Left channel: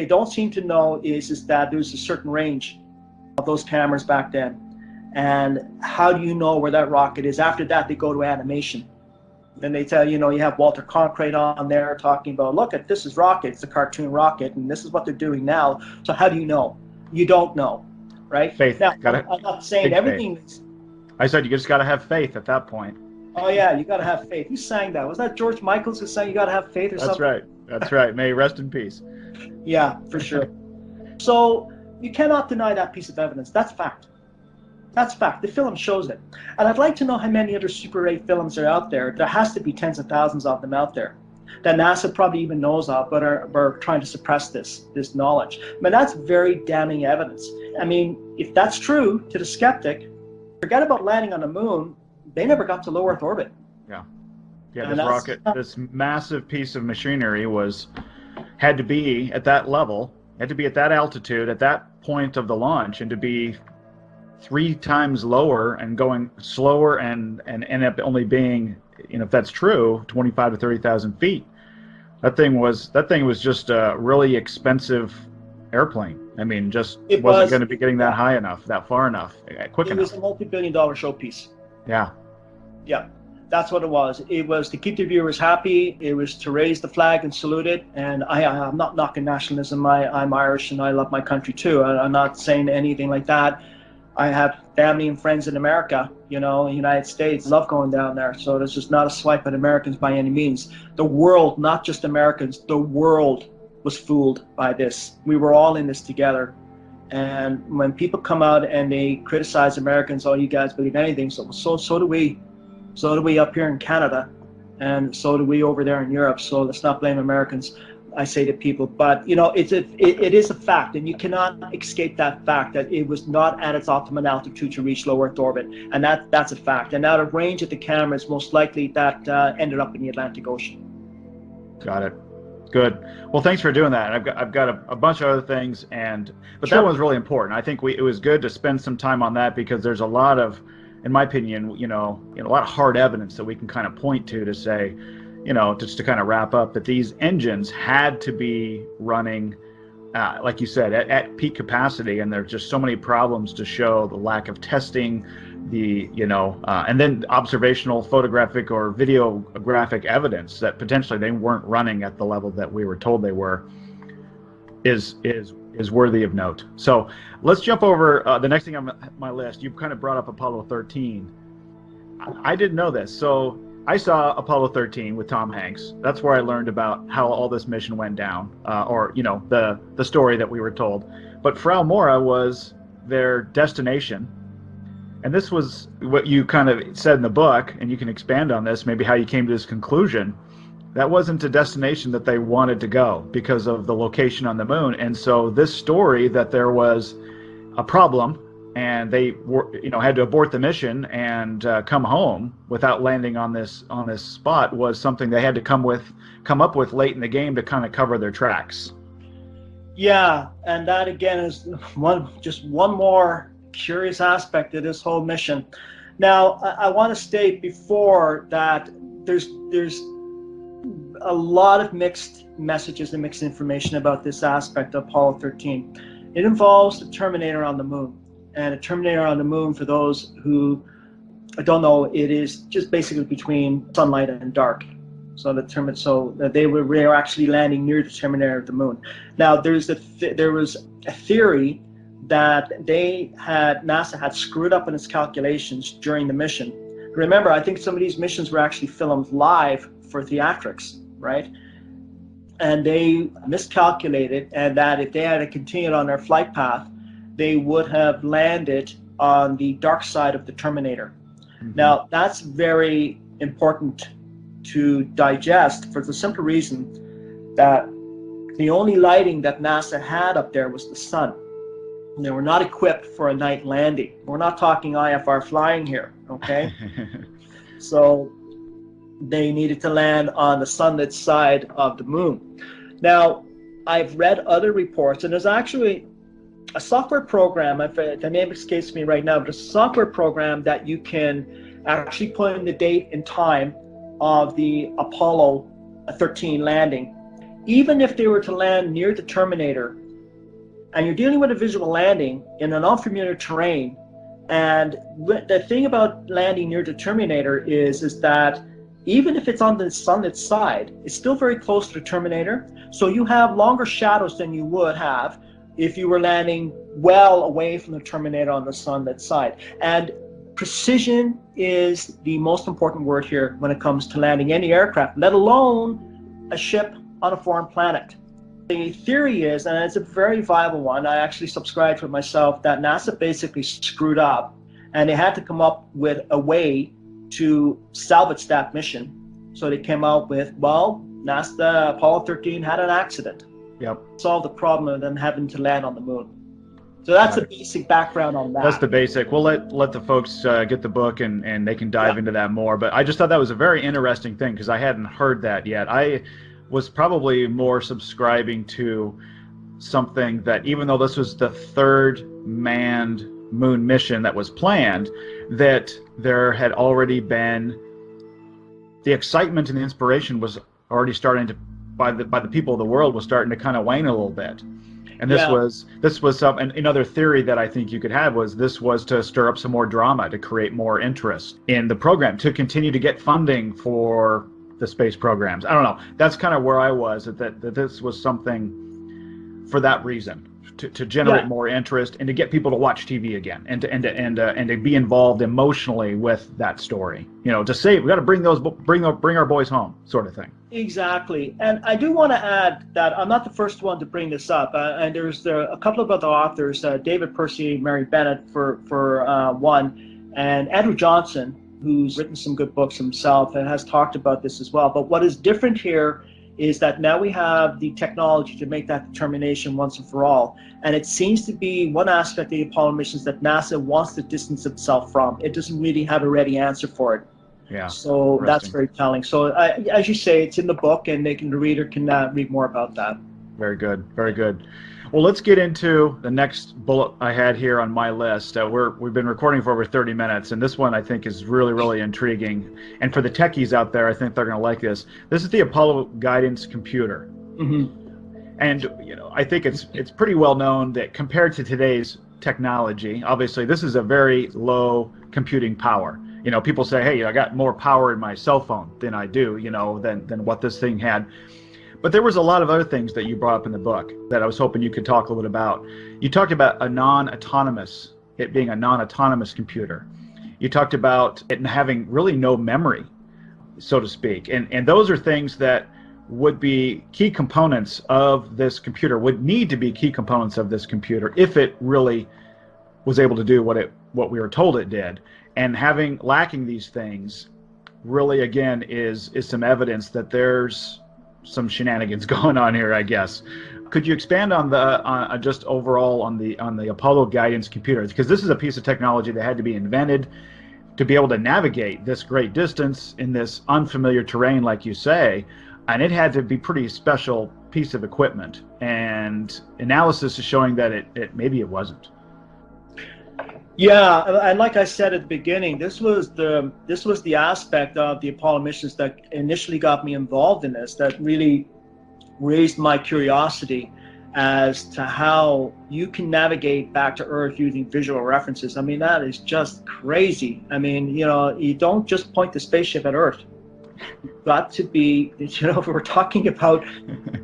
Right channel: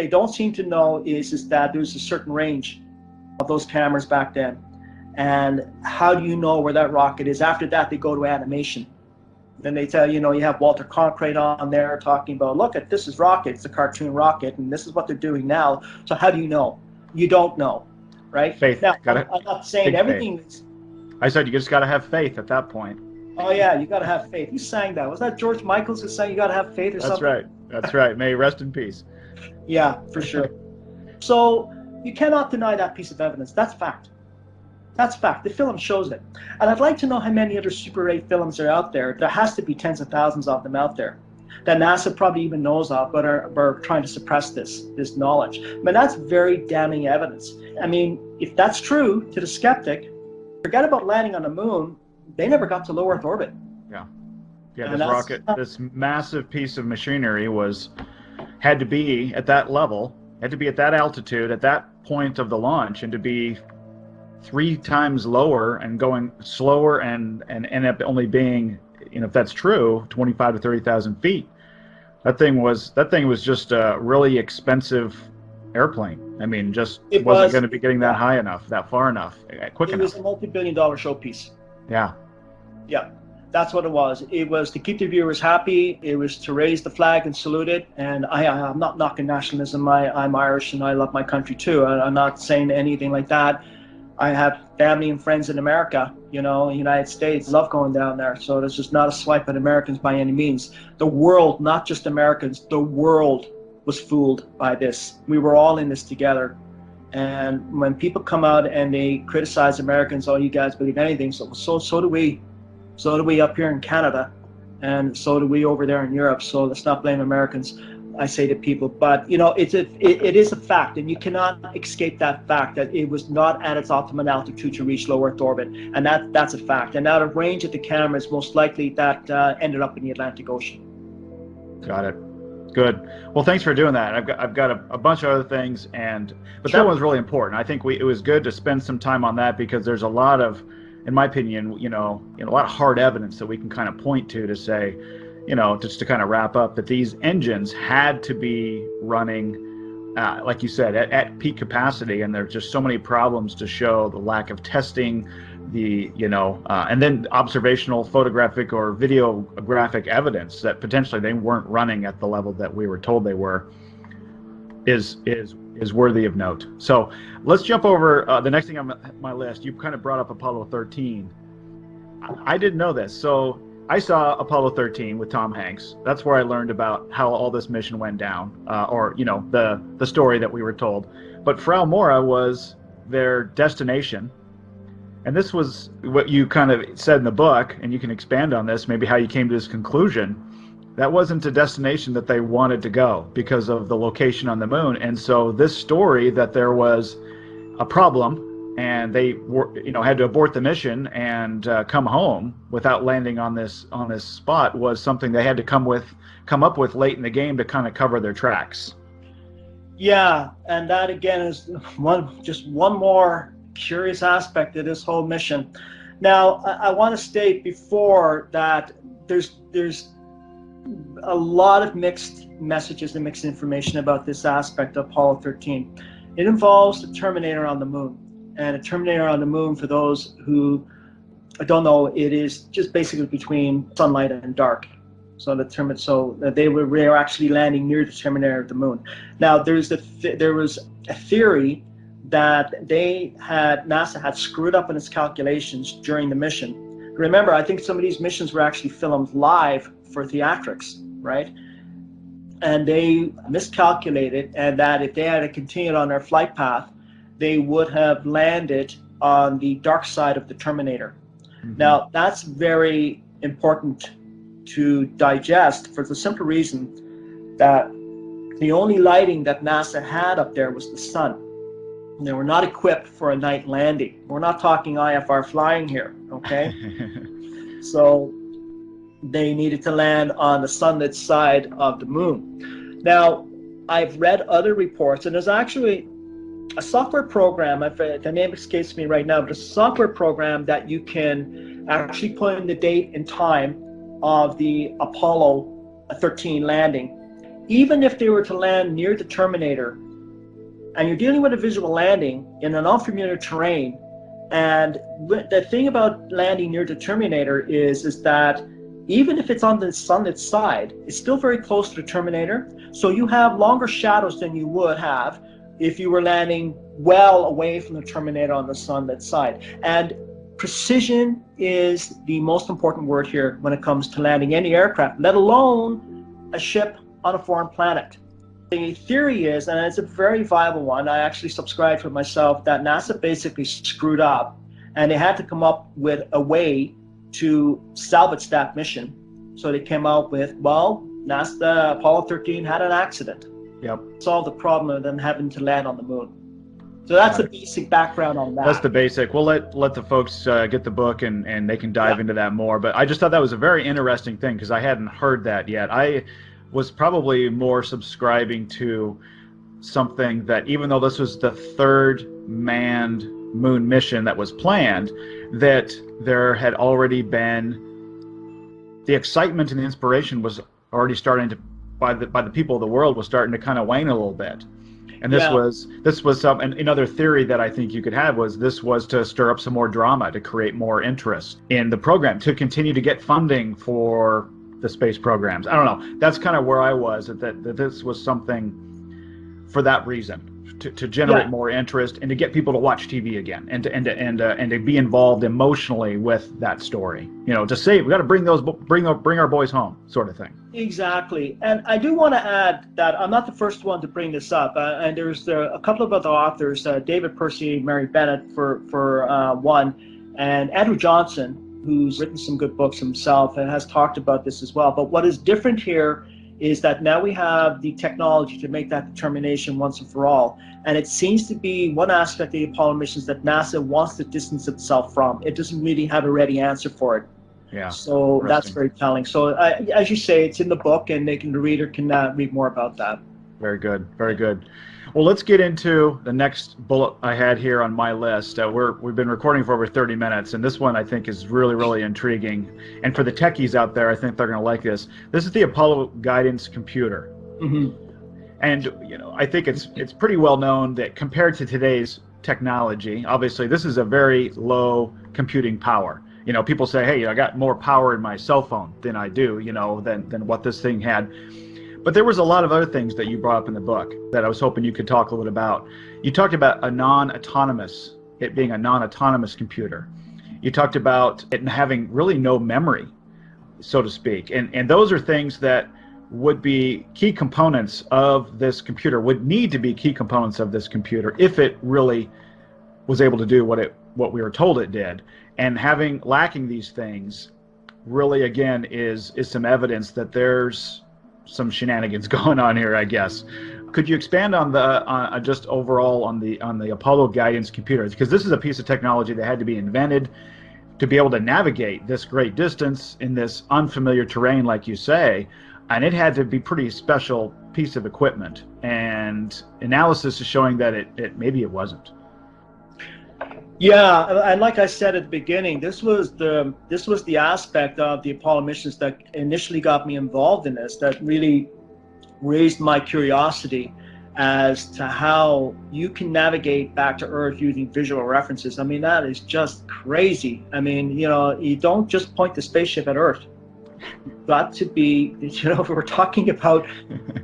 they don't seem to know is that there's a certain range of those cameras back then. And how do you know where that rocket is? After that, they go to animation. And they tell you, you have Walter Cronkite on there talking about, look at this is rocket, it's a cartoon rocket, and this is what they're doing now. So how do you know? You don't know, right? Faith. Now, Got it. I'm not saying Big everything faith. is. I said you just got to have faith at that point. Oh yeah, you gotta have faith. Who sang that? Was that George Michaels who sang "You Gotta Have Faith" or That's something? right. That's right. May he rest in peace. Yeah, for sure. So you cannot deny that piece of evidence. That's fact. That's fact. The film shows it. And I'd like to know how many other Super 8 films are out there. There has to be tens of thousands of them out there that NASA probably even knows of, but are trying to suppress this knowledge. I mean, that's very damning evidence. I mean, if that's true to the skeptic, forget about landing on the moon. They never got to low Earth orbit. Yeah. Yeah. And This rocket, this massive piece of machinery had to be at that level, had to be at that altitude, at that point of the launch, and to be 3 times lower and going slower and end up only being, if that's true, 25 to 30,000 feet. That thing was just a really expensive airplane. I mean, just it wasn't was, going to be getting that high enough, that far enough, quick it enough. was a multi-billion-dollar showpiece. Yeah. Yeah, that's what it was. It was to keep the viewers happy. It was to raise the flag and salute it. And I'm not knocking nationalism. I'm Irish and I love my country too. I'm not saying anything like that. I have family and friends in America, in the United States, love going down there. So it's just not a swipe at Americans by any means. The world, not just Americans, the world was fooled by this. We were all in this together. And when people come out and they criticize Americans, oh, you guys believe anything, so do we. So do we up here in Canada, and so do we over there in Europe. So let's not blame Americans, I say to people. But it is a fact, and you cannot escape that fact that it was not at its optimum altitude to reach low Earth orbit, and that's a fact. And out of range of the cameras, most likely that ended up in the Atlantic Ocean. Got it. Good. Well, thanks for doing that. I've got a bunch of other things, but Sure. that was really important. I think it was good to spend some time on that because there's a lot of, in my opinion, a lot of hard evidence that we can kind of point to say, just to kind of wrap up, that these engines had to be running, like you said, at peak capacity, and there's just so many problems to show the lack of testing, and then observational, photographic, or videographic evidence that potentially they weren't running at the level that we were told they were, is worthy of note. So let's jump over the next thing on my list. You kind of brought up Apollo 13. I didn't know this. So I saw Apollo 13 with Tom Hanks. That's where I learned about how all this mission went down, or the story that we were told. But Frau Mora was their destination. And this was what you kind of said in the book, and you can expand on this, maybe how you came to this conclusion. That wasn't a destination that they wanted to go because of the location on the moon. And so this story that there was a problem and they had to abort the mission and come home without landing on this spot was something they had to come up with late in the game to kind of cover their tracks. Yeah, and that again is one more curious aspect of this whole mission. Now, I want to state before that there's a lot of mixed messages and mixed information about this aspect of Apollo 13. It involves the Terminator on the moon. And a Terminator on the moon, for those who don't know, it is just basically between sunlight and dark. So they were actually landing near the Terminator of the moon. Now, there was a theory that NASA had screwed up in its calculations during the mission. Remember, I think some of these missions were actually filmed live for theatrics, right? And they miscalculated, and that if they had continued on their flight path, they would have landed on the dark side of the Terminator. Mm-hmm. Now, that's very important to digest for the simple reason that the only lighting that NASA had up there was the sun. And they were not equipped for a night landing. We're not talking IFR flying here, okay? So they needed to land on the sunlit side of the moon. Now, I've read other reports, and there's actually a software program, if the name escapes me right now, but it's a software program that you can actually put in the date and time of the Apollo 13 landing. even if they were to land near the terminator, and you're dealing with a visual landing in an unfamiliar terrain, and the thing about landing near the terminator is that even if it's on its side, it's still very close to the terminator, so you have longer shadows than you would have if you were landing well away from the terminator on the sunlit side. And precision is the most important word here when it comes to landing any aircraft, let alone a ship on a foreign planet. The theory is, and it's a very viable one, I actually subscribe to it myself, that NASA basically screwed up and they had to come up with a way to salvage that mission. So they came out with, well, NASA Apollo 13 had an accident. Yep. Solve the problem of them having to land on the moon. So that's the basic background on that. That's the basic. We'll let the folks get the book and they can dive into that more. But I just thought that was a very interesting thing because I hadn't heard that yet. I was probably more subscribing to something that even though this was the third manned moon mission that was planned, that there had already been the excitement and the inspiration was already starting to by the people of the world was starting to kind of wane a little bit. And this was some, and another theory that I think you could have was this was to stir up some more drama, to create more interest in the program, to continue to get funding for the space programs. I don't know. That's kind of where I was, that this was something for that reason, to generate more interest and to get people to watch TV again and to be involved emotionally with that story. You know, to say we got to bring our boys home, sort of thing. Exactly. And I do want to add that I'm not the first one to bring this up. And there's a couple of other authors, David Percy, Mary Bennett for one, and Andrew Johnson, who's written some good books himself and has talked about this as well. But what is different here is that now we have the technology to make that determination once and for all. And it seems to be one aspect of the Apollo missions that NASA wants to distance itself from. It doesn't really have a ready answer for it. Yeah. So that's very telling. So as you say, it's in the book, and the reader can read more about that. Very good. Very good. Well, let's get into the next bullet I had here on my list. We've been recording for over 30 minutes, and this one I think is really, really intriguing. And for the techies out there, I think they're going to like this. This is the Apollo guidance computer. Mm-hmm. And you know, I think it's pretty well known that compared to today's technology, obviously this is a very low computing power. You know, people say, hey, I got more power in my cell phone than I do, you know, than what this thing had. But there was a lot of other things that you brought up in the book that I was hoping you could talk a little bit about. You talked about it being a non-autonomous computer. You talked about it having really no memory, so to speak. And those are things that would be key components of this computer, would need to be key components of this computer if it really was able to do what we were told it did. And lacking these things really, again, is some evidence that there's some shenanigans going on here, I guess. Could you expand on just overall on the Apollo guidance computers? Because this is a piece of technology that had to be invented to be able to navigate this great distance in this unfamiliar terrain, like you say, and it had to be pretty special piece of equipment. And analysis is showing that maybe it wasn't. Yeah, and like I said at the beginning, this was the aspect of the Apollo missions that initially got me involved in this, that really raised my curiosity as to how you can navigate back to Earth using visual references. I mean, that is just crazy. I mean, you know, you don't just point the spaceship at Earth. You've got to be, you know, we're talking about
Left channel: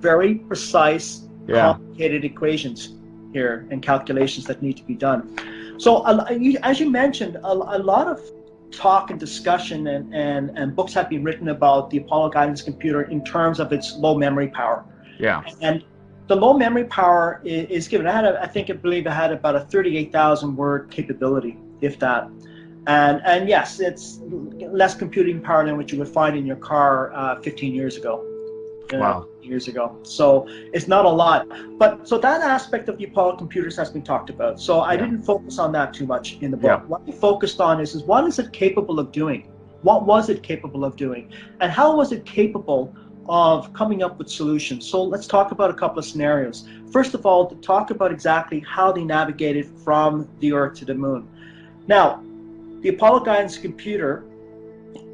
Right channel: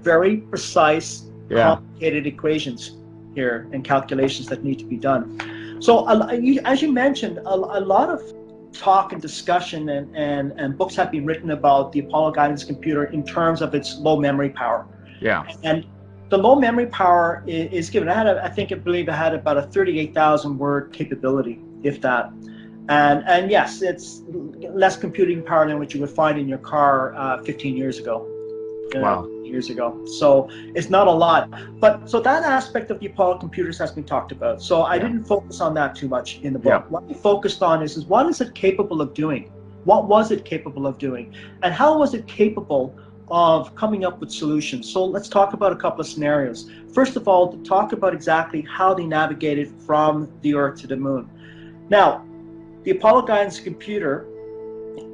very precise, complicated equations here and calculations that need to be done. So as you mentioned, a lot of talk and discussion and books have been written about the Apollo guidance computer in terms of its low memory power. Yeah. And the low memory power is given. I believe it had about a 38,000 word capability, if that. And yes, it's less computing power than what you would find in your car 15 years ago. Wow. Years ago. So it's not a lot. But so that aspect of the Apollo computers has been talked about. So I didn't focus on that too much in the book. Yeah. What I focused on is what is it capable of doing? What was it capable of doing? And how was it capable of coming up with solutions? So let's talk about a couple of scenarios. First of all, to talk about exactly how they navigated from the Earth to the moon. Now, the Apollo guidance computer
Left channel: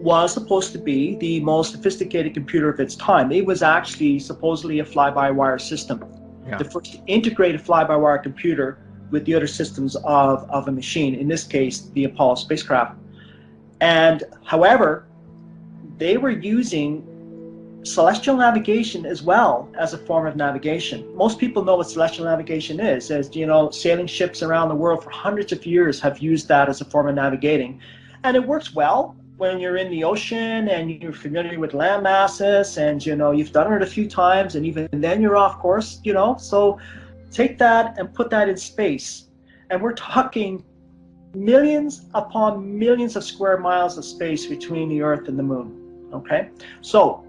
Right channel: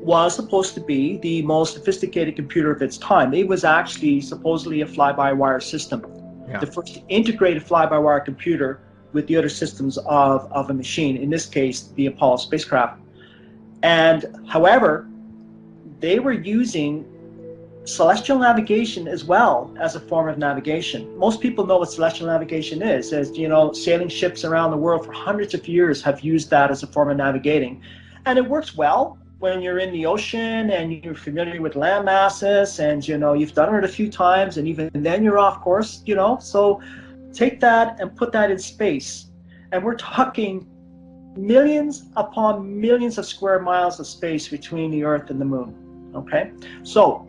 was supposed to be the most sophisticated computer of its time. It was actually supposedly a fly-by-wire system, Yeah. the first integrated fly-by-wire computer with the other systems of a machine, in this case, the Apollo spacecraft. And however, they were using celestial navigation as well as a form of navigation. Most people know what celestial navigation is, as you know, sailing ships around the world for hundreds of years have used that as a form of navigating. And it works well when you're in the ocean and you're familiar with land masses and you know you've done it a few times and even then you're off course, you know. So take that and put that in space. And we're talking millions upon millions of square miles of space between the Earth and the Moon. Okay? So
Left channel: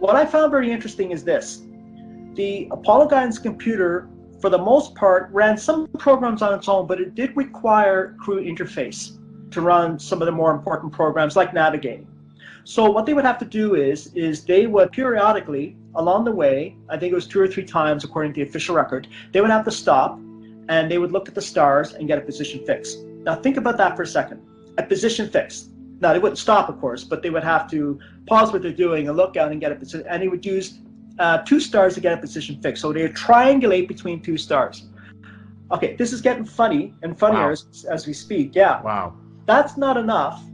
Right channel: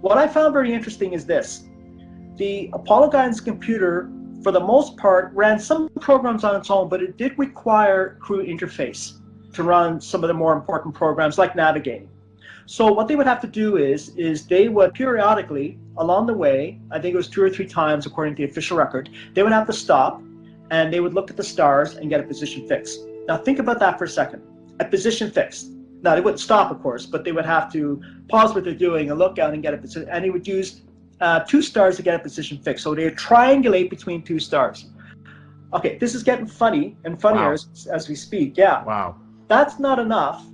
what I found very interesting is this. The Apollo guidance computer, for the most part, ran some programs on its own, but it did require crew interface to run some of the more important programs like navigating. So what they would have to do is they would periodically, along the way, I think it was 2 or 3 times according to the official record, they would have to stop and they would look at the stars and get a position fix. Now think about that for a second. A position fix. Now they wouldn't stop, of course, but they would have to pause what they're doing and look out and get a position. And they would use 2 stars to get a position fix. So they would triangulate between 2 stars. Okay, this is getting funny and funnier Wow. as we speak. Yeah. Wow. That's not enough.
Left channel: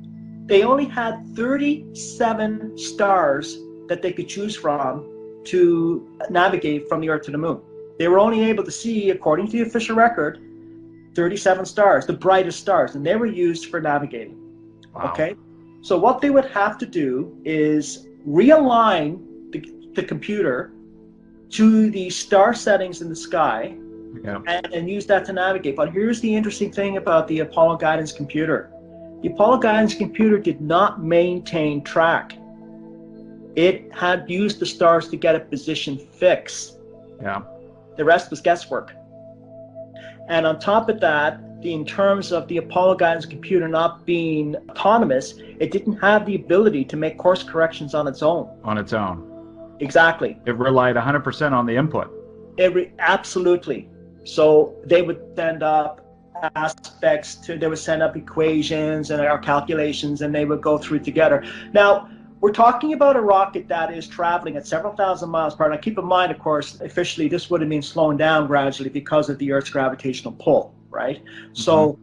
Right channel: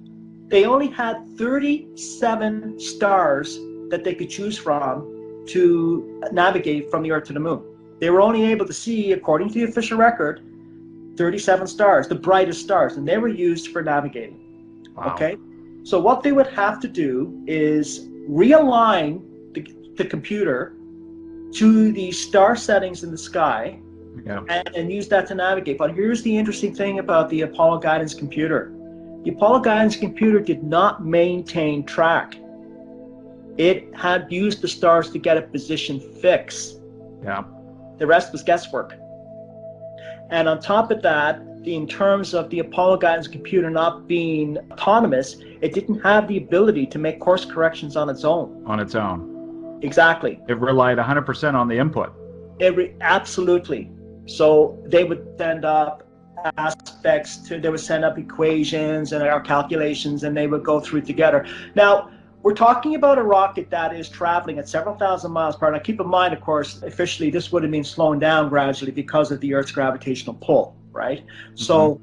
They only had 37 stars that they could choose from to navigate from the Earth to the Moon. They were only able to see, according to the official record, 37 stars, the brightest stars, and they were used for navigating. Wow. Okay? So what they would have to do is realign the computer to the star settings in the sky, Yeah. and use that to navigate. But here's the interesting thing about the Apollo guidance computer. The Apollo guidance computer did not maintain track. It had used the stars to get a position fix. Yeah. The rest was guesswork. And on top of that, in terms of the Apollo guidance computer not being autonomous, it didn't have the ability to make course corrections on its own. On its own. Exactly. It relied 100% on the input. Absolutely. So they would send up they would send up equations and our calculations, and they would go through together. Now, we're talking about a rocket that is traveling at several thousand miles per hour. Now, keep in mind, of course, officially this would have been slowing down gradually because of the Earth's gravitational pull, right? So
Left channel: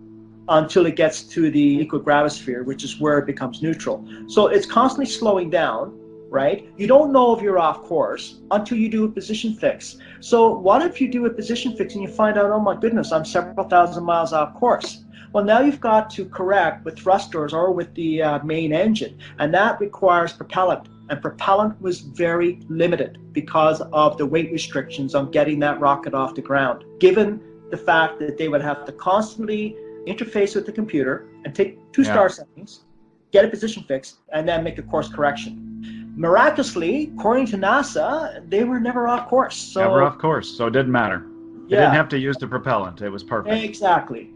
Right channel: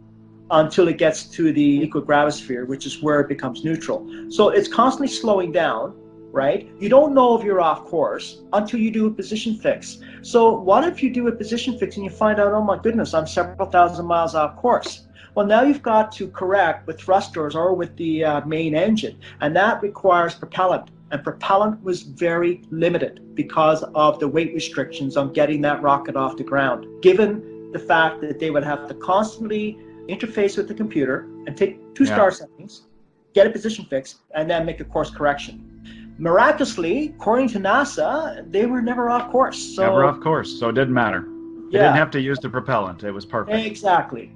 until it gets to the equigravisphere, which is where it becomes neutral. So it's constantly slowing down, right? You don't know if you're off course until you do a position fix. So what if you do a position fix and you find out, oh my goodness, I'm several thousand miles off course? Well, now you've got to correct with thrusters or with the main engine, and that requires propellant. And propellant was very limited because of the weight restrictions on getting that rocket off the ground, given the fact that they would have to constantly interface with the computer and take 2-star settings, get a position fix, and then make a course correction. Miraculously, according to NASA, they were never off course. So, never off course, so it didn't matter. They didn't have to use the propellant. It was perfect. Exactly.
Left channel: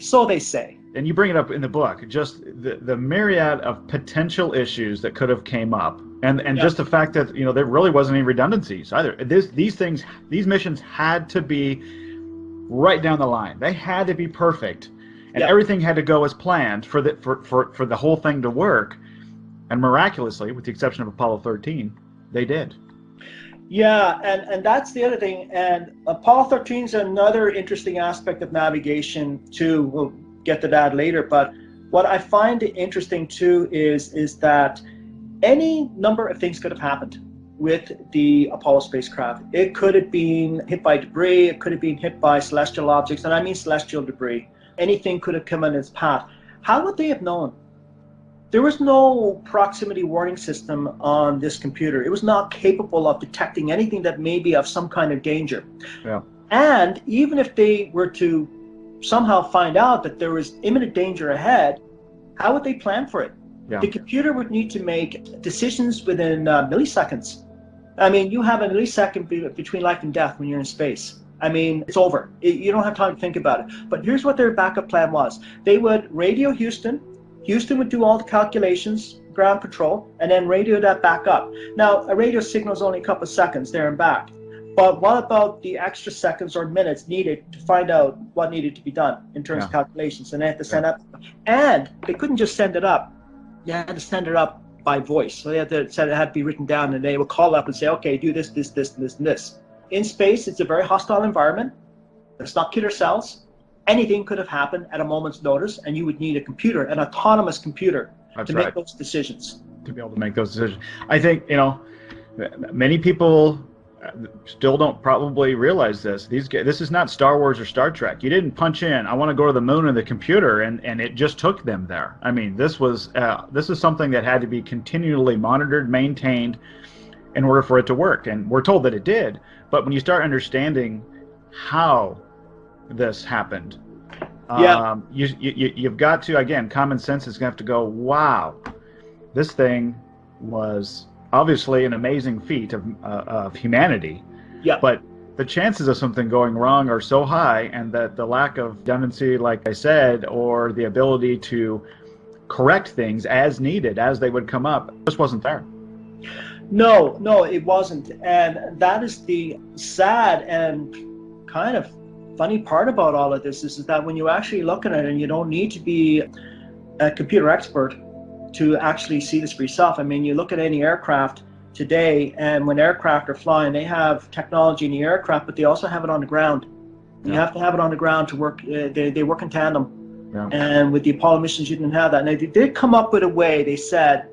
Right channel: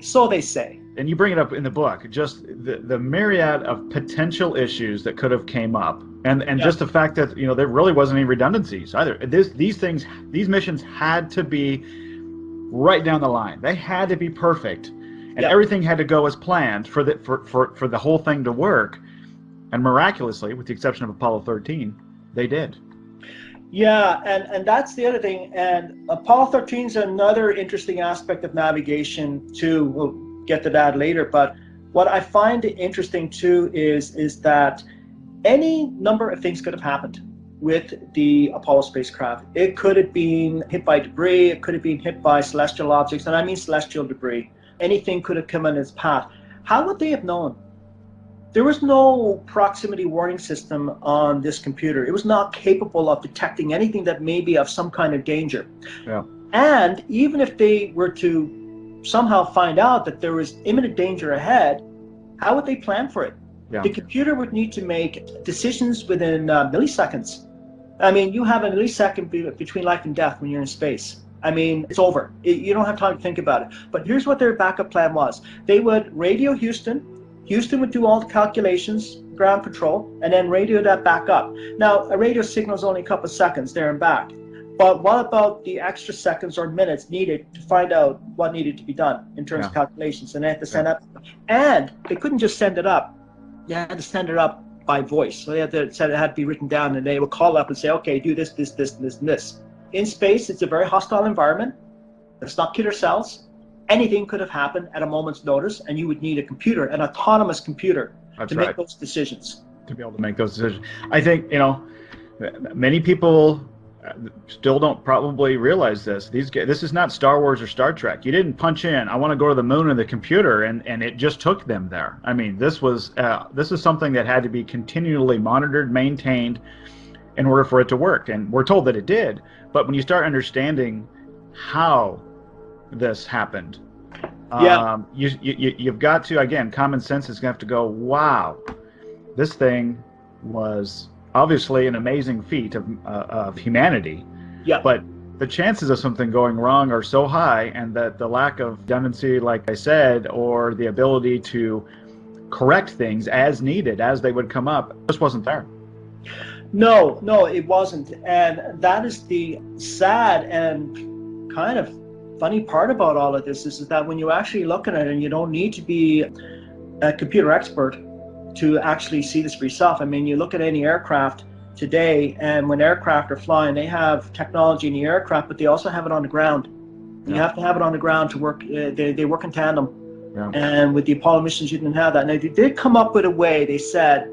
So they say. And you bring it up in the book, just the myriad of potential issues that could have came up. And just the fact that, there really wasn't any redundancies either. These missions had to be right down the line. They had to be perfect. And everything had to go as planned for the whole thing to work. And miraculously, with the exception of Apollo 13, they did. Yeah, and that's the other thing. And Apollo 13 is another interesting aspect of navigation too. We'll get to that later. But what I find interesting too is that any number of things could have happened with the Apollo spacecraft. It could have been hit by debris. It could have been hit by celestial objects, and I mean celestial debris. Anything could have come in its path. How would they have known? There was no proximity warning system on this computer. It was not capable of detecting anything that may be of some kind of danger. Yeah. And even if they were to somehow find out that there was imminent danger ahead, how would they plan for it? Yeah. The computer would need to make decisions within milliseconds. I mean, you have a millisecond between life and death when you're in space. I mean, it's over. You don't have time to think about it. But here's what their backup plan was. They would radio Houston. Houston would do all the calculations, ground control, and then radio that back up. Now, a radio signal is only a couple of seconds there and back. But what about the extra seconds or minutes needed to find out what needed to be done in terms of calculations? And they had to send up. And they couldn't just send it up. they had to send it up by voice. So they had to said it had to be written down, and they would call up and say, okay, do this, this, this, this, and this. In space, it's a very hostile environment. It's not killer cells. Anything could have happened at a moment's notice, and you would need a computer, an autonomous computer, That's to right. make those decisions. To be able to make those decisions. I think, many people still don't probably realize this. This is not Star Wars or Star Trek. You didn't punch in, I want to go to the moon in the computer, and it just took them there. I mean, this is something that had to be continually monitored, maintained in order for it to work. And we're told that it did. But when you start understanding how this happened, Yeah. you've got to, again, common sense is going to have to go, wow, this thing was obviously an amazing feat of humanity. Yeah. But the chances of something going wrong are so high, and that the lack of redundancy, like I said, or the ability to correct things as needed, as they would come up, just wasn't there. No, it wasn't. And that is the sad and kind of funny part about all of this, is that when you actually look at it, and you don't need to be a computer expert to actually see this for yourself. I mean, you look at any aircraft today, and when aircraft are flying, they have technology in the aircraft, but they also have it on the ground. You have to have it on the ground to work. They work in tandem. Yeah. And with the Apollo missions, you didn't have that. And they did come up with a way. They said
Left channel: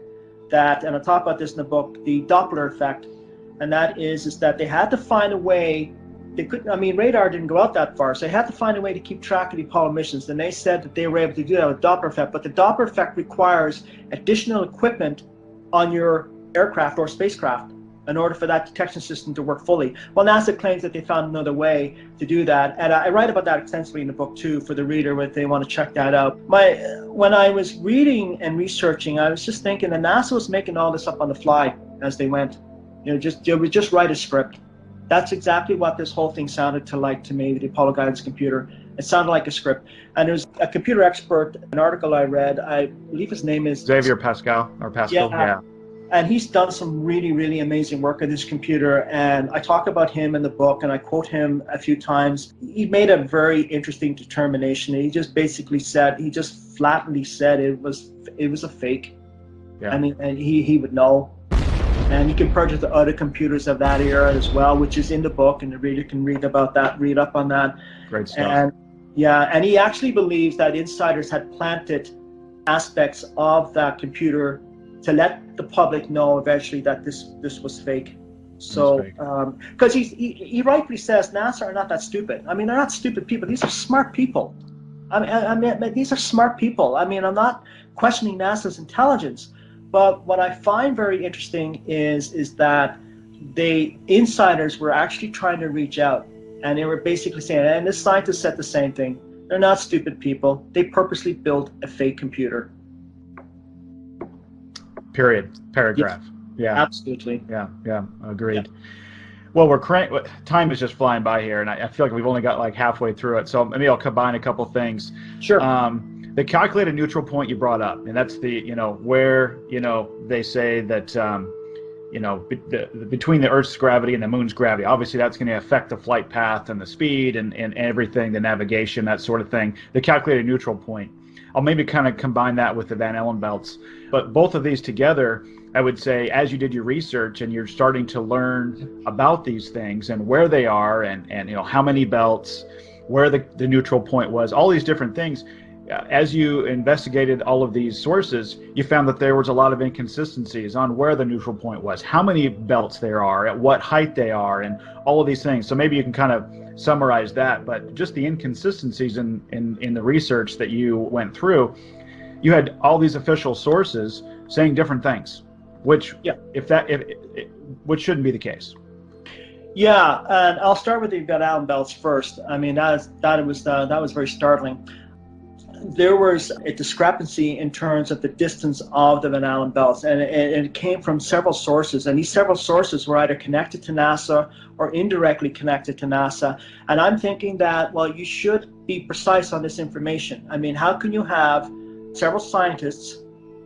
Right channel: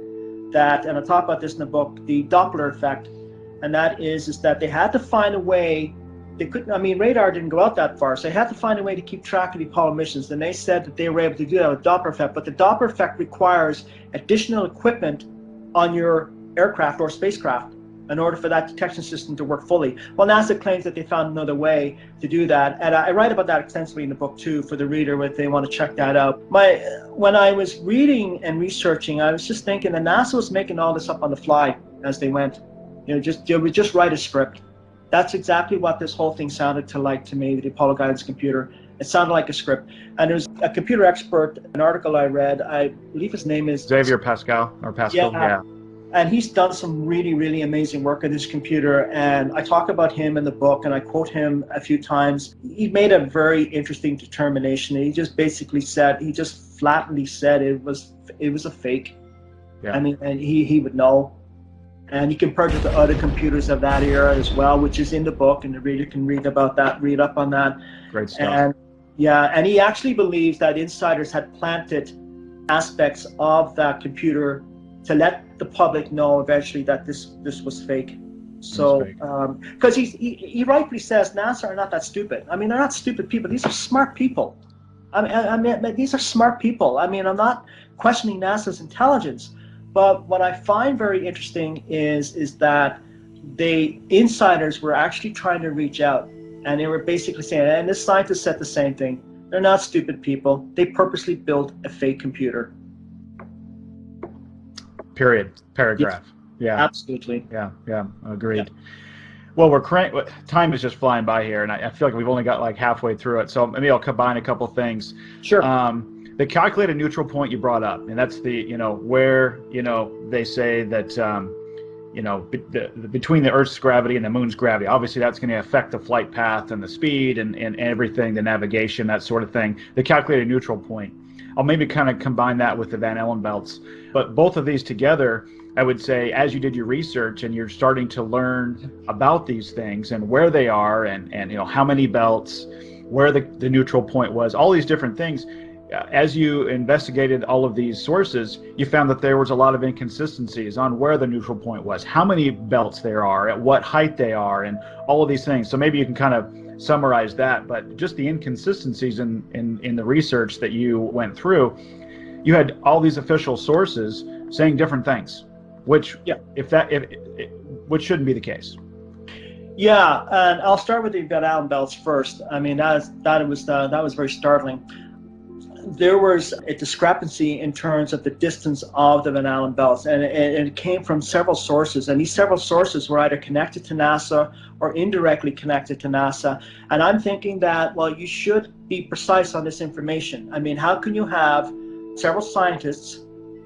that, and I talk about this in the book, the Doppler effect, and that is that they had to find a way. They couldn't. I mean, radar didn't go out that far, so they had to find a way to keep track of the Apollo missions. And they said that they were able to do that with Doppler effect. But the Doppler effect requires additional equipment on your aircraft or spacecraft in order for that detection system to work fully. Well, NASA claims that they found another way to do that, and I write about that extensively in the book too, for the reader if they want to check that out. When I was reading and researching, I was just thinking that NASA was making all this up on the fly as they went. They would just write a script. That's exactly what this whole thing sounded to me, the Apollo guidance computer. It sounded like a script. And there's a computer expert, an article I read, I believe his name is Xavier Pascal, or Pascal. Yeah. And he's done some really, really amazing work on this computer. And I talk about him in the book, and I quote him a few times. He made a very interesting determination. He just basically said, he just flatly said it was a fake. Yeah. And he would know. And he compared it to other computers of that era as well, which is in the book, and the reader can read about that, read up on that. Great stuff. And he actually believes that insiders had planted aspects of that computer to let the public know eventually that this was fake. So, because he rightly says NASA are not that stupid. I mean, they're not stupid people. These are smart people. I mean, these are smart people. I mean, I'm not questioning NASA's intelligence. But what I find very interesting is that the insiders were actually trying to reach out, and they were basically saying, and the scientists said the same thing, they're not stupid people. They purposely built a fake computer. Period. Paragraph. Yeah. Absolutely. Yeah. Agreed. Yeah. Well, time is just flying by here, and I feel like we've only got like halfway through it. So maybe I'll combine a couple things. Sure. The calculated neutral point you brought up, and that's the, where, they say that, between the Earth's gravity and the Moon's gravity, obviously that's going to affect the flight path and the speed and everything, the navigation, that sort of thing. The calculated neutral point, I'll maybe kind of combine that with the Van Allen belts. But both of these together, I would say, as you did your research and you're starting to learn about these things and where they are and how many belts, where the neutral point was, all these different things, as you investigated all of these sources, you found that there was a lot of inconsistencies on where the neutral point was, how many belts there are, at what height they are, and all of these things. So maybe you can kind of summarize that, but just the inconsistencies in the research that you went through, you had all these official sources saying different things, which which shouldn't be the case. Yeah, and I'll start with the Van Allen belts first. I mean, that was very startling. There was a discrepancy in terms of the distance of the Van Allen belts, and it came from several sources, and these several sources were either connected to NASA or indirectly connected to NASA. And I'm thinking that, well, you should be precise on this information. I mean, how can you have several scientists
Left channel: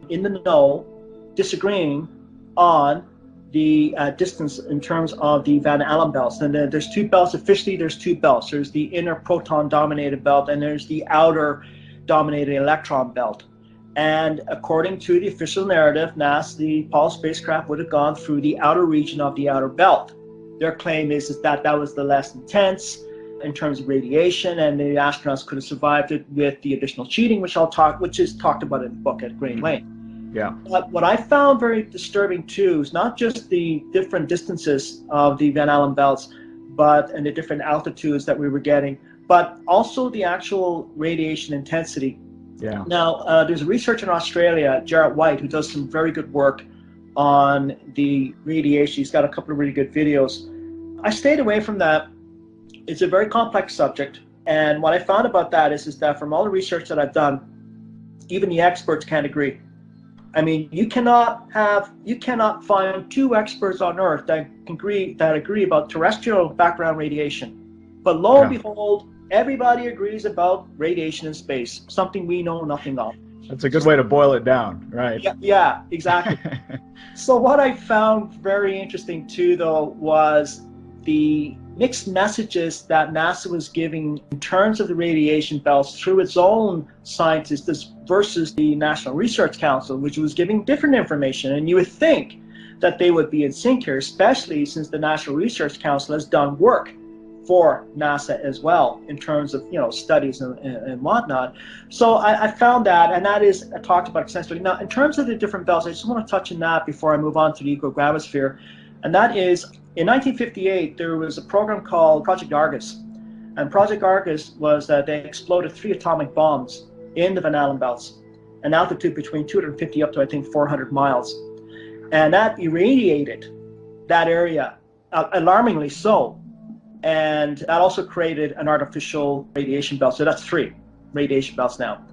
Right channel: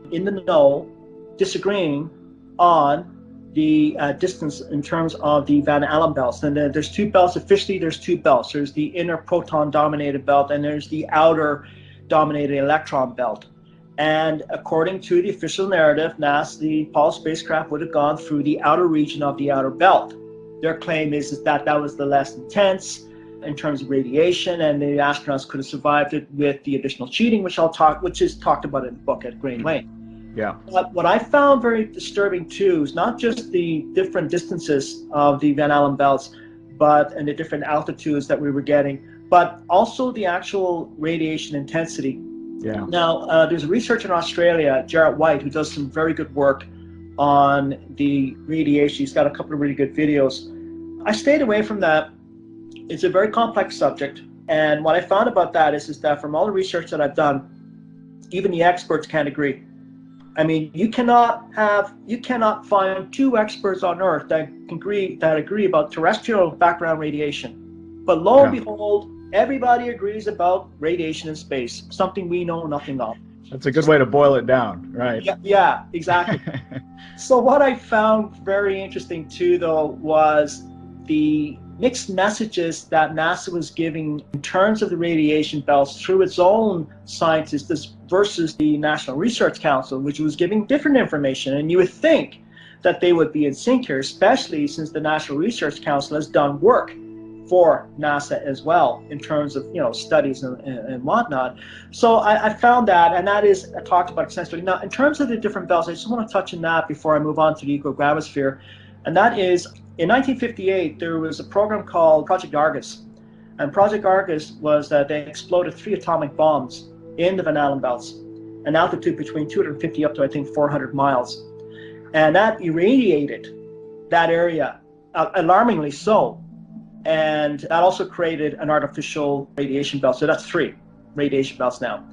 in the know disagreeing on the distance in terms of the Van Allen belts? And there's two belts. Officially, there's two belts. There's the inner proton dominated belt, and there's the outer dominated electron belt. And according to the official narrative, NASA, the Apollo spacecraft would have gone through the outer region of the outer belt. Their claim is that that was the less intense in terms of radiation, and the astronauts could have survived it with the additional cheating, which is talked about in the book at great length. Yeah. But what I found very disturbing too is not just the different distances of the Van Allen belts, and the different altitudes that we were getting, but also the actual radiation intensity. Yeah. Now, there's a researcher in Australia, Jarrett White, who does some very good work on the radiation. He's got a couple of really good videos. I stayed away from that. It's a very complex subject, and what I found about that is that from all the research that I've done, even the experts can't agree. I mean, you cannot find two experts on Earth that agree about terrestrial background radiation. But lo and behold, everybody agrees about radiation in space, something we know nothing of. That's a good way to boil it down, right? Yeah, exactly. So what I found very interesting too, though, was the mixed messages that NASA was giving in terms of the radiation belts through its own scientists versus the National Research Council, which was giving different information. And you would think that they would be in sync here, especially since the National Research Council has done work for NASA as well in terms of studies and whatnot. So I found that, and that is talked about extensively. Now, in terms of the different belts, I just want to touch on that before I move on to the ecogramosphere, and that is in 1958 there was a program called Project Argus, and Project Argus was they exploded 3 atomic bombs in the Van Allen belts, an altitude between 250 up to I think 400 miles, and that irradiated that area alarmingly so. And that also created an artificial radiation belt. So that's 3 radiation belts now.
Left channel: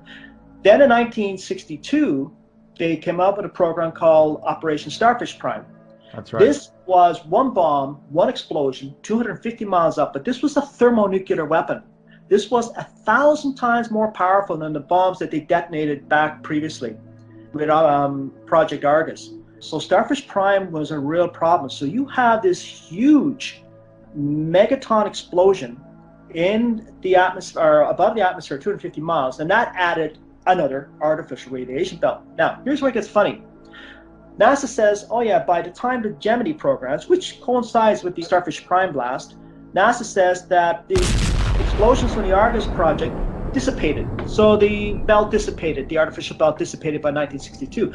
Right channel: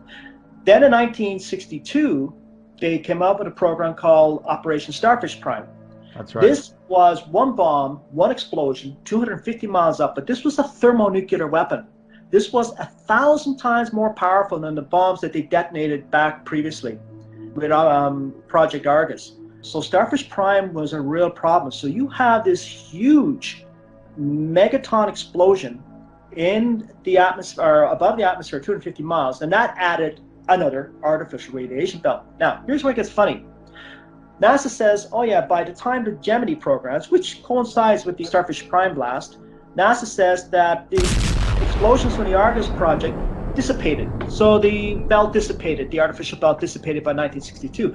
Then in 1962, they came up with a program called Operation Starfish Prime. That's right. This was one bomb, one explosion, 250 miles up, but this was a thermonuclear weapon. This was 1,000 times more powerful than the bombs that they detonated back previously with Project Argus. So Starfish Prime was a real problem. So you have this huge megaton explosion in the atmosphere, above the atmosphere, 250 miles, and that added another artificial radiation belt. Now, here's where it gets funny. NASA says, oh yeah, by the time the Gemini programs, which coincides with the Starfish Prime blast, NASA says that the explosions from the Argus project dissipated. So the belt dissipated, the artificial belt dissipated by 1962.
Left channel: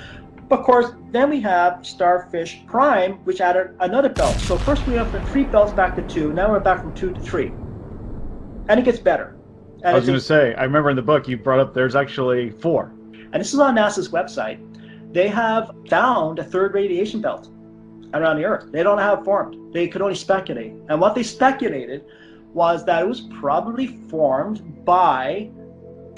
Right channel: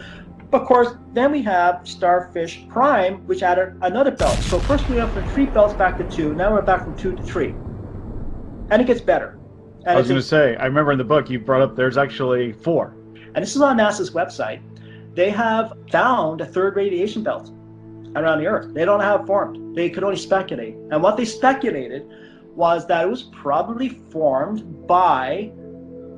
But of course, then we have Starfish Prime, which added another belt. So first we went from 3 belts back to 2, now we're back from 2 to 3. And it gets better. And I was going to say, I remember in the book you brought up there's actually 4. And this is on NASA's website. They have found a 3rd radiation belt around the Earth. They don't have it formed. They could only speculate. And what they speculated was that it was probably formed by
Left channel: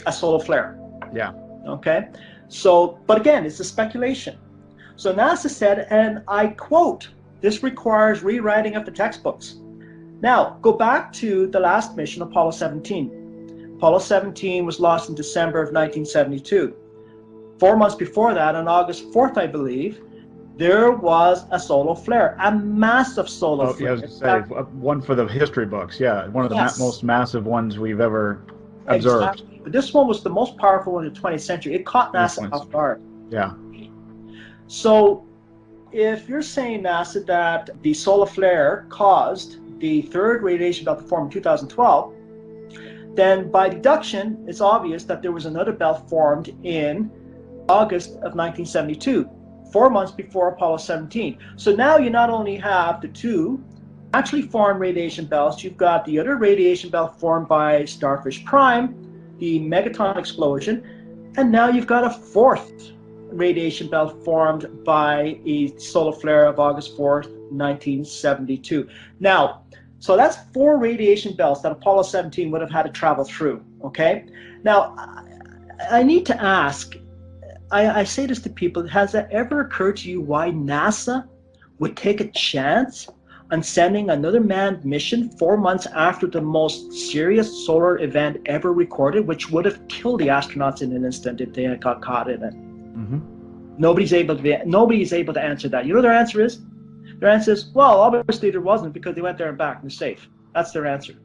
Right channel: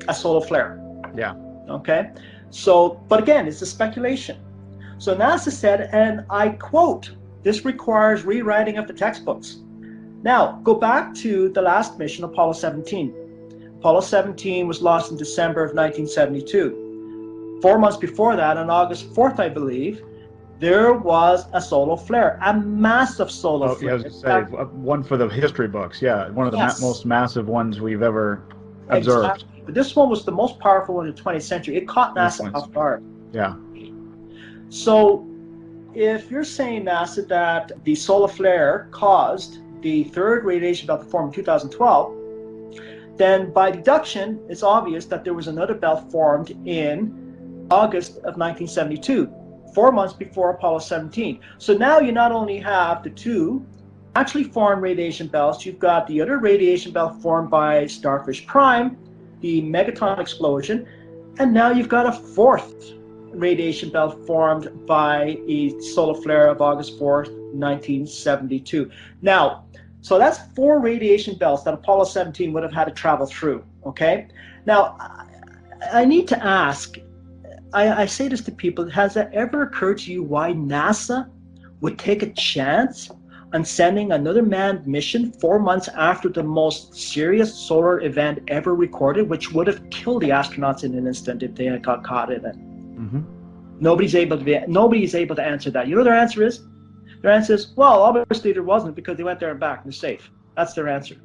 a solar flare. Yeah. Okay? So, but again, it's a speculation. So NASA said, and I quote, "This requires rewriting of the textbooks." Now, go back to the last mission, Apollo 17. Apollo 17 was launched in December of 1972. 4 months before that, on August 4th, I believe, there was a solar flare, a massive solar flare. Yeah, I was going to say, one for the history books, yeah, one of the most massive ones we've ever observed. Exactly. But this one was the most powerful one in the 20th century. It caught NASA off guard. Yeah. So if you're saying, NASA, that the solar flare caused the 3rd radiation belt to form in 2012, then by deduction, it's obvious that there was another belt formed in August of 1972, 4 months before Apollo 17. So now you not only have the 2 actually formed radiation belts, you've got the other radiation belt formed by Starfish Prime, the megaton explosion, and now you've got a 4th radiation belt formed by a solar flare of August 4th, 1972. Now, so that's 4 radiation belts that Apollo 17 would have had to travel through, okay? Now, I need to ask, I say this to people, has that ever occurred to you why NASA would take a chance on sending another manned mission 4 months after the most serious solar event ever recorded, which would have killed the astronauts in an instant if they had got caught in it? Mm-hmm. Nobody's able to answer that. You know what their answer is? Their answer is, well, obviously there wasn't because they went there and back. They're safe. That's their answer.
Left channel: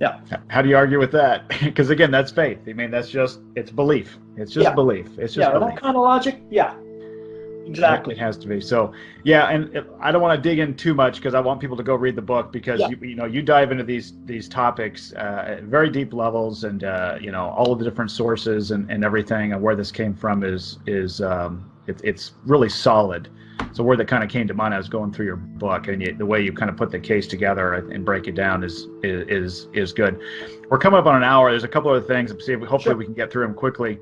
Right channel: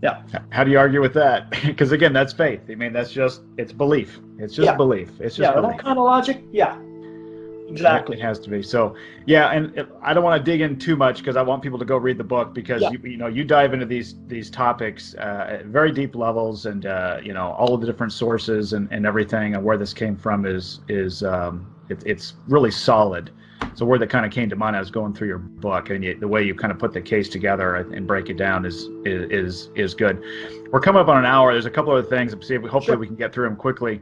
Yeah. How do you argue with that? Because again, that's faith. I mean, it's belief. It's just Yeah. belief. It's just Yeah. That belief. kind of logic. Yeah. It Exactly. has to be. So yeah, and I don't want to dig in too much because I want people to go read the book because Yeah. you dive into these topics at very deep levels and all of the different sources and everything and where this came from it's really solid. So where that kind of came to mind, I was going through your book and the way you kind of put the case together and break it down is good. We're coming up on an hour. There's a couple other things. Hopefully Sure. we can get through them quickly.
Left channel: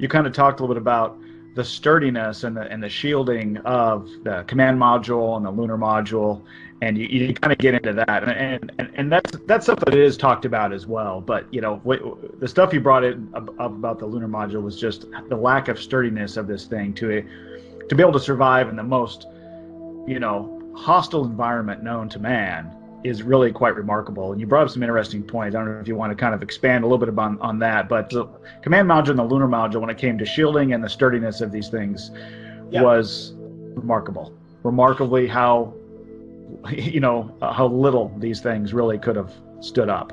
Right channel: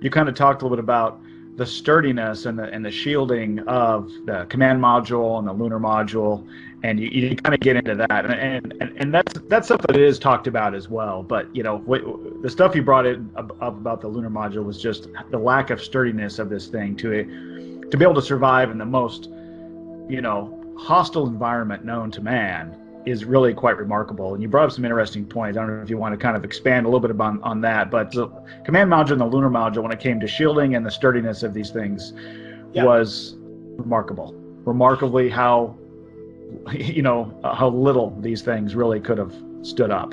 You kind of talked a little bit about the sturdiness and the shielding of the command module and the lunar module, and you kind of get into that, and that's stuff that is talked about as well. But the stuff you brought in up about the lunar module was just the lack of sturdiness of this thing to be able to survive in the most hostile environment known to man is really quite remarkable. And you brought up some interesting points. I don't know if you want to kind of expand a little bit on that, but the command module and the lunar module, when it came to shielding and the sturdiness of these things, Yeah. was remarkable. Remarkably how how little these things really could have stood up.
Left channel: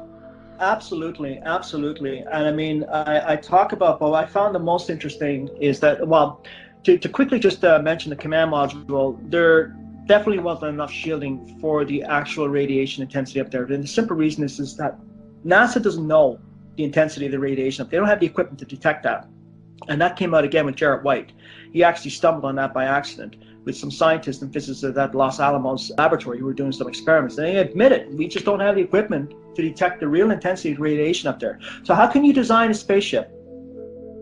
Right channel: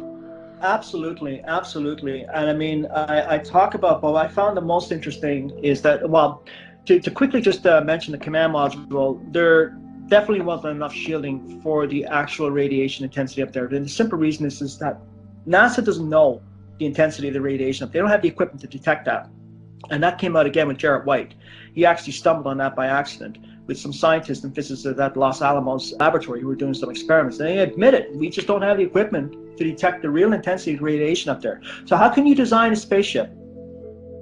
Absolutely, absolutely. And I mean, I talk about, but what I found the most interesting is that, well, to quickly just mention the command module, there definitely wasn't enough shielding for the actual radiation intensity up there. And the simple reason is that NASA doesn't know the intensity of the radiation. They don't have the equipment to detect that. And that came out again with Jarrett White. He actually stumbled on that by accident with some scientists and physicists at Los Alamos laboratory who were doing some experiments. And they admitted we just don't have the equipment to detect the real intensity of radiation up there. So how can you design a spaceship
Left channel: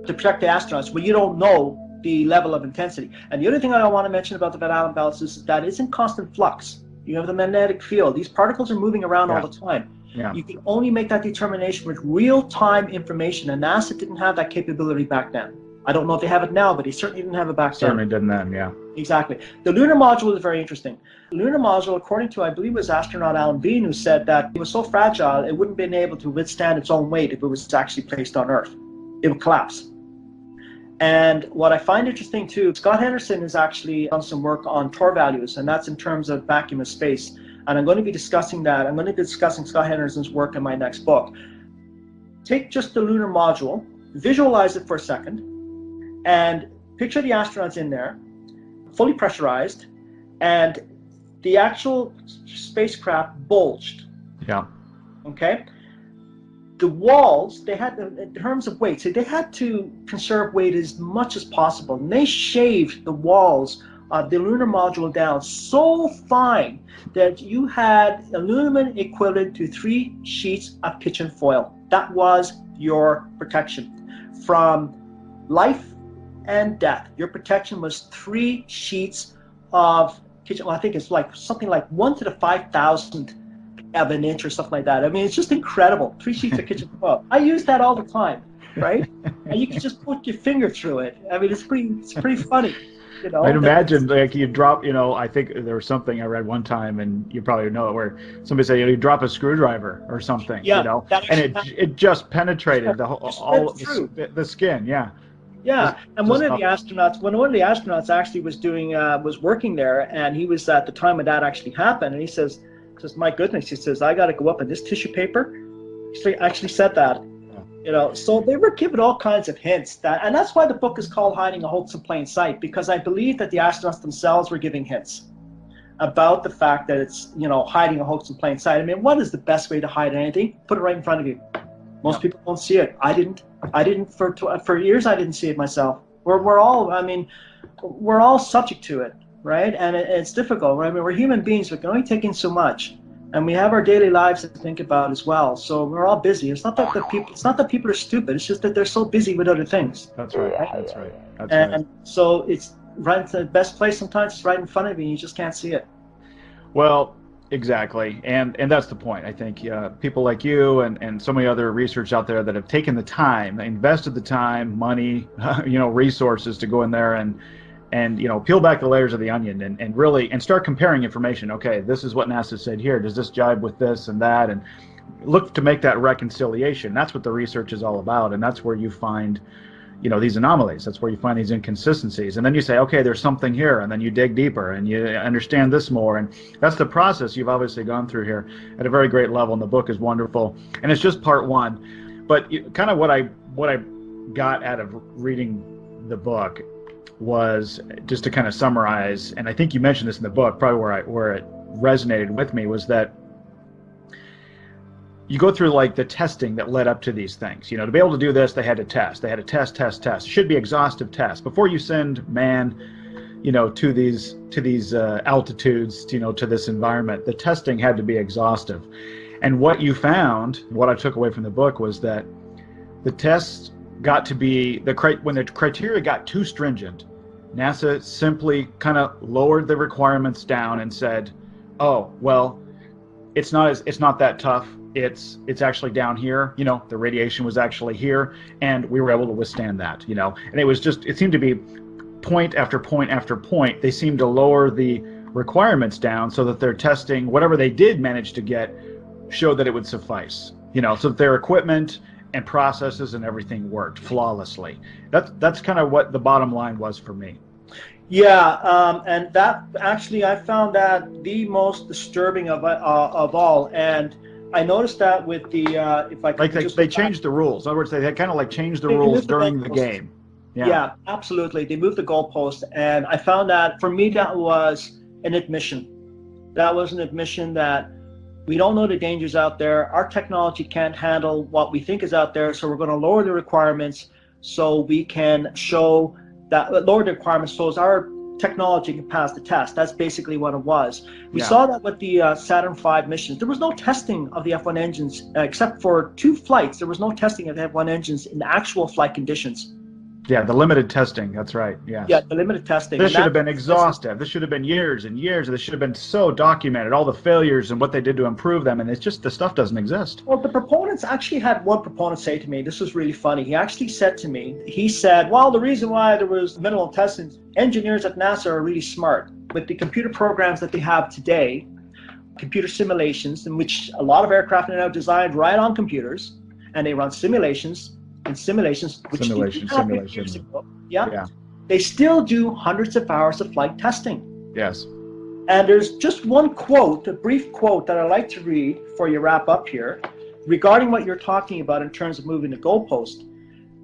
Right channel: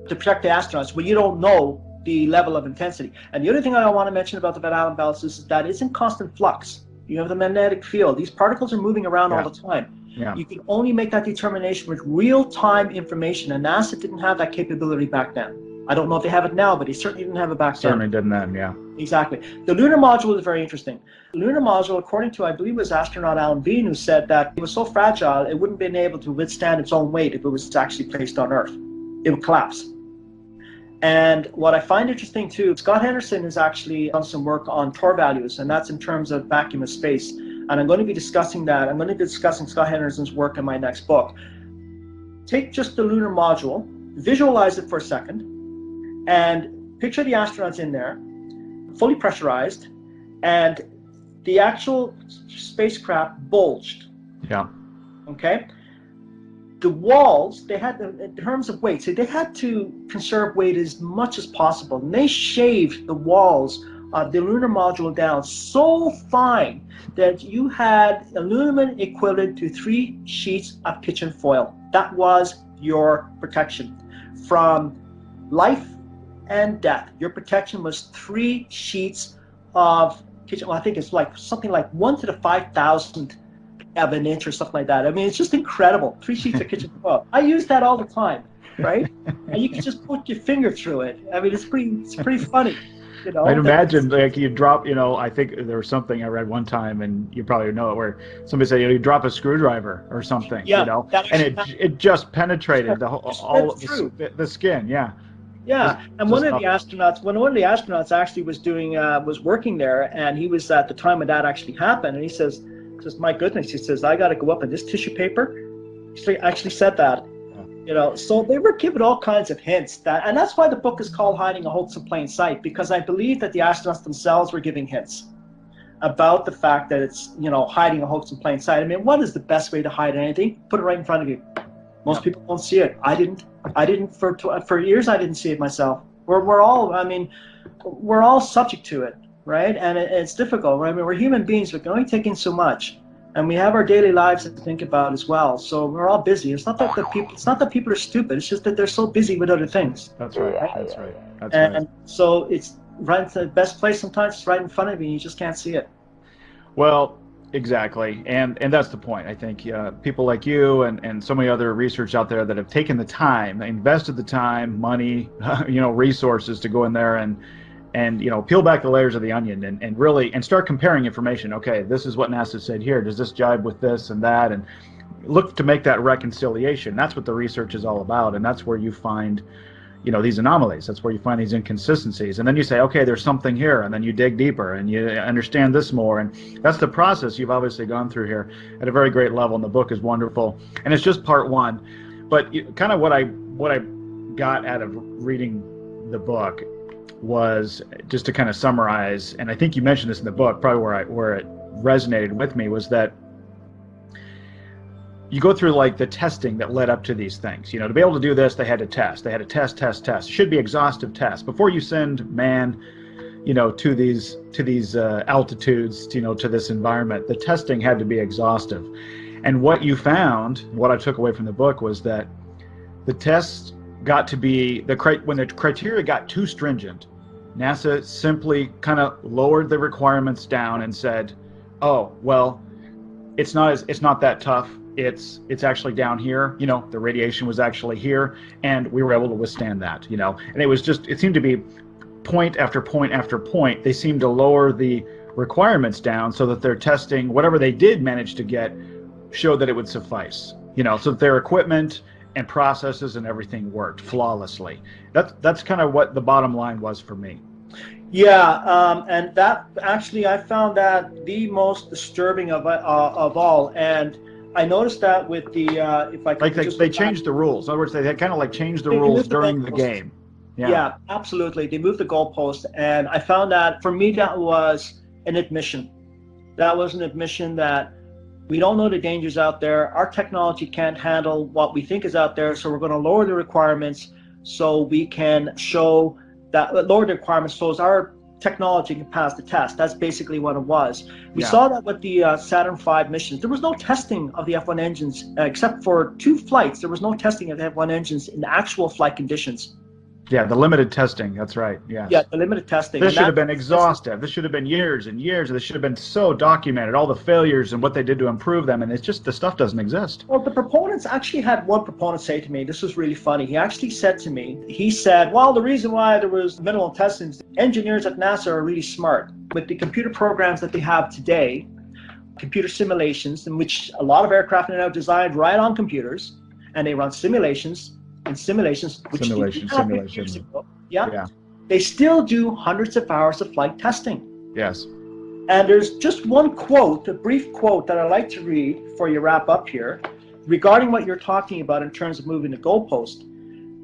to protect the astronauts when you don't know the level of intensity? And the other thing I want to mention about the Van Allen belts is that it's in constant flux. You have the magnetic field. These particles are moving around all the time. Yeah. You can only make that determination with real-time information, and NASA didn't have that capability back then. I don't know if they have it now, but they certainly didn't have it back Certainly then. didn't then, yeah. Exactly. The lunar module is very interesting. The lunar module, according to, I believe it was astronaut Alan Bean, who said that it was so fragile it wouldn't have been able to withstand its own weight if it was actually placed on Earth. It would collapse. And what I find interesting too, Scott Henderson has actually done some work on Tor values, and that's in terms of vacuum of space. And I'm going to be discussing that. I'm going to be discussing Scott Henderson's work in my next book. Take just the lunar module, visualize it for a second, and picture the astronauts in there, fully pressurized, and the actual spacecraft bulged. Yeah. Okay? The walls, they had, in terms of weight, so they had to conserve weight as much as possible. And they shaved the walls of the lunar module down so fine that you had aluminum equivalent to 3 sheets of kitchen foil. That was your protection from life and death. Your protection was 3 sheets of kitchen. Well, I think it's like something like 1 to the 5,000 of an inch or something like that. I mean, it's just incredible. 3 sheets of kitchen foil. I use that all the time, right? And you can just put your finger through it. I mean, it's pretty funny. I'd That's, imagine like you drop, I think there was something I read one time, and you probably know it, where somebody said, you drop a screwdriver or something, yeah, that and actually it just penetrated just went all of through. the skin, yeah. Yeah, and Just one of the astronauts actually was working there, and he was at the time when that actually happened, and he says, my goodness, he says, I got to go up in this tissue paper. He actually said that, So they were given all kinds of hints and that's why the book is called Hiding a Hoax in Plain Sight, because I believe that the astronauts themselves were giving hints about the fact that it's, hiding a hoax in plain sight. I mean, what is the best way to hide anything? Put it right in front of you. Most people don't see it. I didn't for years. I didn't see it myself. We're all. I mean, we're all subject to it, right? And it's difficult. Right? I mean, we're human beings. We can only take in so much, and we have our daily lives to think about as well. So we're all busy. It's not that people are stupid. It's just that they're so busy with other things. That's right. That's right. And so it's right to the best place. Sometimes it's right in front of you, and you just can't see it. Well, exactly, and that's the point. I think people like you and so many other researchers out there that have taken the time, invested the time, money, resources to go in there and peel back the layers of the onion and really start comparing information. Okay, this is what NASA said here. Does this jibe with this and that? And look to make that reconciliation. That's what the research is all about, and that's where you find these anomalies. That's where you find these inconsistencies. And then you say, okay, there's something here. And then you dig deeper and you understand this more. And that's the process you've obviously gone through here at a very great level. And the book is wonderful. And it's just part one. But kind of what I got out of reading the book was, just to kind of summarize, and I think you mentioned this in the book, probably where it resonated with me, was that you go through like the testing that led up to these things. To be able to do this, they had to test. They had to test. It should be exhaustive tests before you send man, to these altitudes, to this environment. The testing had to be exhaustive. And what you found, what I took away from the book, was that the tests got to be when the criteria got too stringent, NASA simply kind of lowered the requirements down and said, "Oh, well, it's not that tough. It's actually down here. The radiation was actually here, and we were able to withstand that. And it seemed to be point after point after point. They seemed to lower the requirements down so that their testing, whatever they did manage to get, showed that it would suffice. So that their equipment and processes and everything worked flawlessly. That's kind of what the bottom line was for me. Yeah, and that actually, I found that the most disturbing of all. And I noticed that with the if I like they changed the rules. In other words, they kind of like changed the rules during the game. Yeah, absolutely. They moved the goalpost, and I found that for me that was an admission. That was an admission that we don't know the dangers out there. Our technology can't handle what we think is out there, so we're going to lower the requirements so we can show that lower the requirements so as our technology can pass the test. That's basically what it was. We saw that with the Saturn V missions. There was no testing of the F-1 engines except for 2 flights. There was no testing of the F-1 engines in actual flight conditions. Yeah, the limited testing. That's right. Yes. Yeah, the limited testing. This should have been exhaustive. This should have been years and years. This should have been so documented, all the failures and what they did to improve them. And it's just, the stuff doesn't exist. Well, the proponents actually had one proponent say to me, this was really funny. He actually said to me, well, the reason why there was minimal testing, engineers at NASA are really smart. With the computer programs that they have today, computer simulations, in which a lot of aircraft are now designed right on computers, and they run simulations, which years ago. Yeah. They still do hundreds of hours of flight testing. Yes. And there's just one quote, a brief quote that I'd like to read before you wrap up here, regarding what you're talking about in terms of moving the goalpost.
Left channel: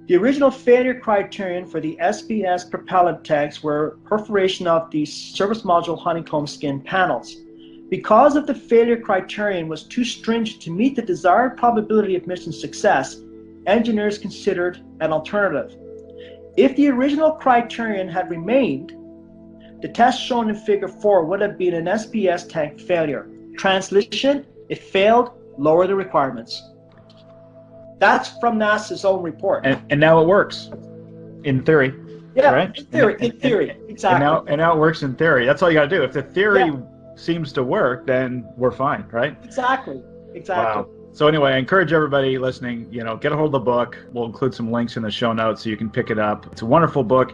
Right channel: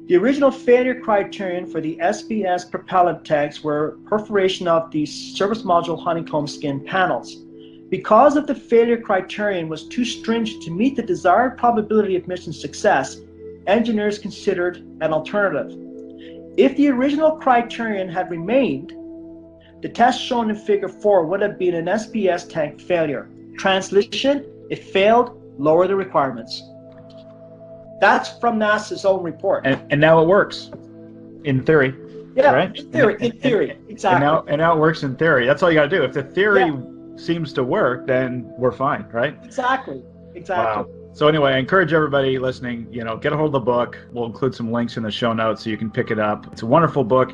The original failure criterion for the SBS propellant tanks were perforation of the service module honeycomb skin panels. Because of the failure criterion was too stringent to meet the desired probability of mission success, engineers considered an alternative. If the original criterion had remained, the test shown in Figure 4 would have been an SBS tank failure. Translation: it failed, lower the requirements. That's from NASA's own report. And now it works, in theory. Yeah, right? in theory, exactly. And now it works in theory. That's all you got to do. If the theory seems to work, then we're fine, right? Exactly. Wow. So anyway, I encourage everybody listening, get a hold of the book. We'll include some links in the show notes so you can pick it up. It's a wonderful book.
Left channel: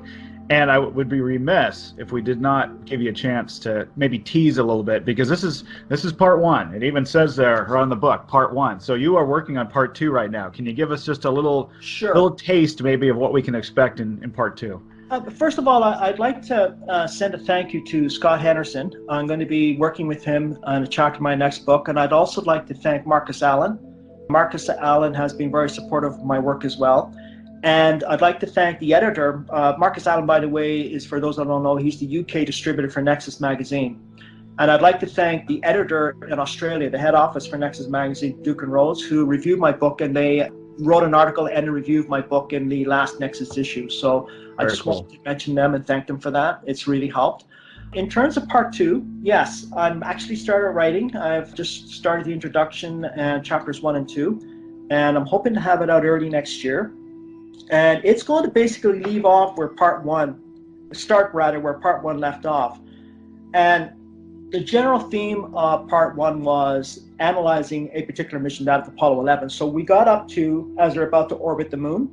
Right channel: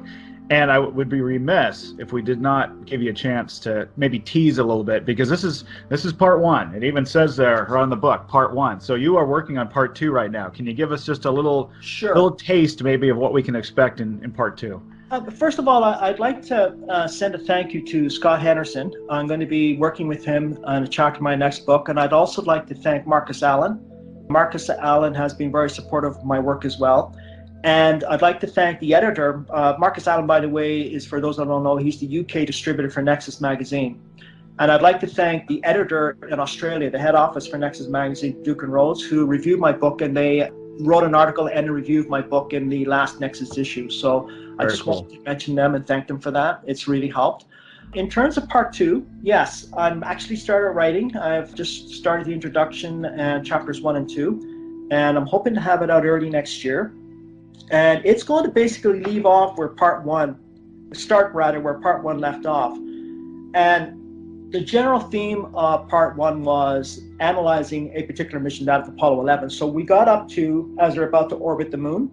And I would be remiss if we did not give you a chance to maybe tease a little bit, because this is part 1. It even says there on the book, part 1. So you are working on part 2 right now. Can you give us just a little taste maybe of what we can expect in part 2? First of all, I'd like to send a thank you to Scott Henderson. I'm going to be working with him on a chapter of my next book, and I'd also like to thank Marcus Allen. Marcus Allen has been very supportive of my work as well. And I'd like to thank the editor. Marcus Allen, by the way, is, for those that don't know, he's the UK distributor for Nexus Magazine. And I'd like to thank the editor in Australia, the head office for Nexus Magazine, Duke and Rhodes, who reviewed my book, and they wrote an article and a review of my book in the last Nexus issue. So I just wanted to mention them and thank them for that. It's really helped. In terms of part 2, yes, I'm actually started writing. I've just started the introduction and chapters 1 and 2, and I'm hoping to have it out early next year. And it's going to basically leave off where part 1 left off. And the general theme of part 1 was analyzing a particular mission, that of Apollo 11. So we got up to, as they're about to orbit the moon,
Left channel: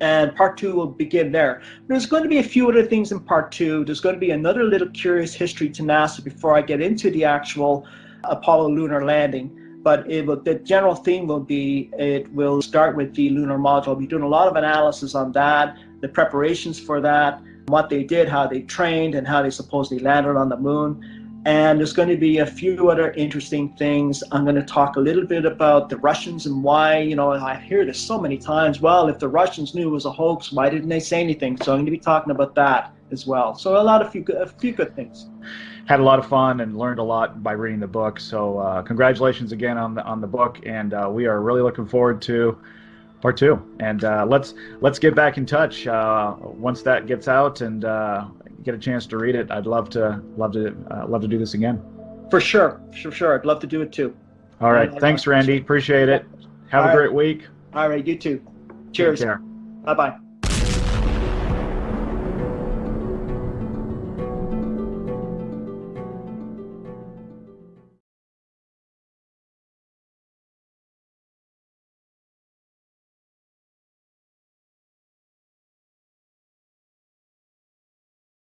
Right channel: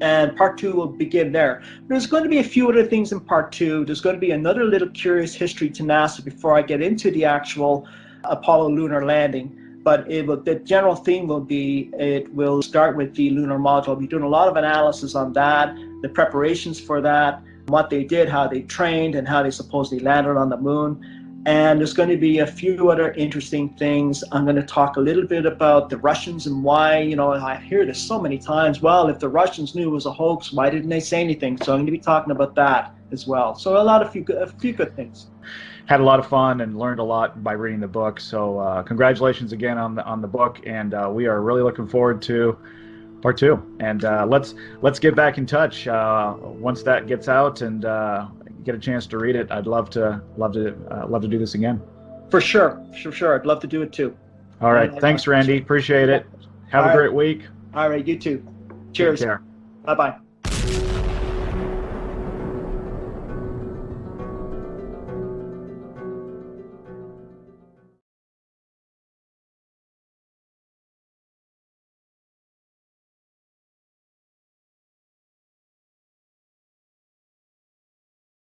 and part 2 will begin there. There's going to be a few other things in part 2. There's going to be another little curious history to NASA before I get into the actual Apollo lunar landing. but the general theme will be, it will start with the lunar module. We'll be doing a lot of analysis on that, the preparations for that, what they did, how they trained, and how they supposedly landed on the moon. And there's going to be a few other interesting things. I'm going to talk a little bit about the Russians and why, I hear this so many times, well, if the Russians knew it was a hoax, why didn't they say anything? So I'm going to be talking about that as well. So a few good things. Had a lot of fun and learned a lot by reading the book. So congratulations again on the book, and we are really looking forward to part 2. And let's get back in touch once that gets out and get a chance to read it. I'd love to do this again. For sure. I'd love to do it too. All right. Thanks, Randy. Appreciate it. Have a great week. All right. You too. Cheers. Take care. Bye-bye.